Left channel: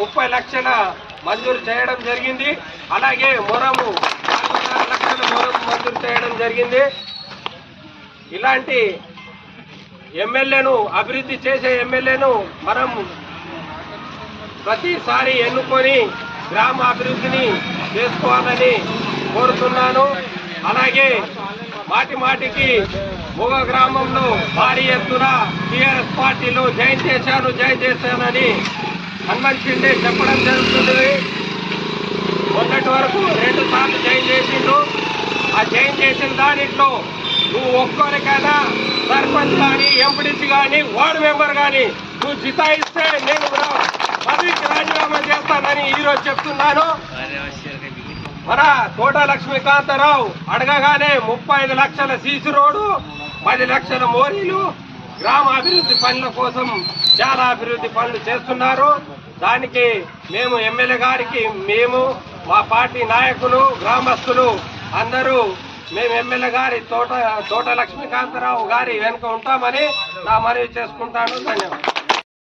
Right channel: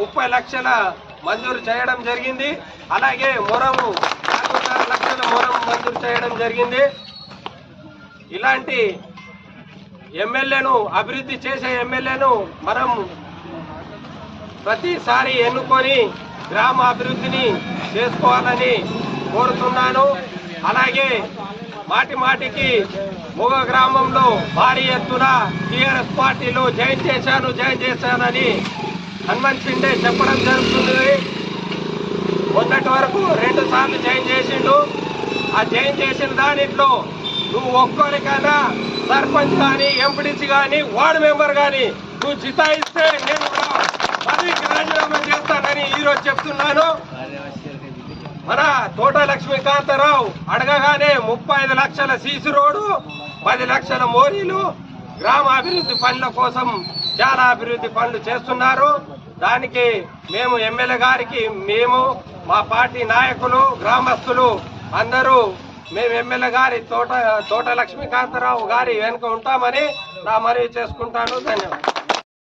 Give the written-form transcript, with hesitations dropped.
30 లక్షల మంజూరు చేయడం జరిగింది. అలాగే మొరము 4.5 లక్షల మొరము మంజూరు చేయడం జరిగింది. ఇలాంటి ఎమ్మెల్యేను, అభివృద్ధి చేసే ఎమ్మెల్యేను మనం ప్రతిసారి ఎన్నుకొని గ్రామ అభివృద్ధిని చేసుకోవాలని కోరుతున్నాను. అలాగే మాటి మాటికి మొగ గ్రామంలో భారీ ఎత్తున టీఆర్ఎస్ పార్టీలో జాయిన్ చేశానని హనుమంత్ షిండే చెప్పడం జరుగుతుంది. మొన్నటి వరకు 2 సార్లు జాయిన్ చేసిండు. ఆ జాయిన్ చేసిన దానిట్లో నువ్వు ఒక్కరికైనా సర్పంచ్ కానీ, ఎంపీడీసీ కానీ, వార్డు మెంబర్ కానీ నువ్వు జితాయిస్తే నేను పదవికి రాజీనామా చేస్తానని ఈరోజు చెప్తున్నాను. మన తోట లక్ష్మీకాంతారావు అడగగానే 35 లక్షల సీసీ రోడ్డు, 10 లక్షల మోరీలు, గ్రామ అభివృద్ధి పనుల కోసం చాలా అభివృద్ధి పనులు చేస్తున్నారు. దానికి మేము ఎమ్మెల్యే గారికి, మేము మా పార్టీ నాయకులు, గ్రామస్తులు అందరూ మేము ఎమ్మెల్యే గారి తోట లక్ష్మీకాంతారావు గారి వెనుక ఉంటామని నా మనవి చేసుకుంటాను. ధన్యవాదాలు.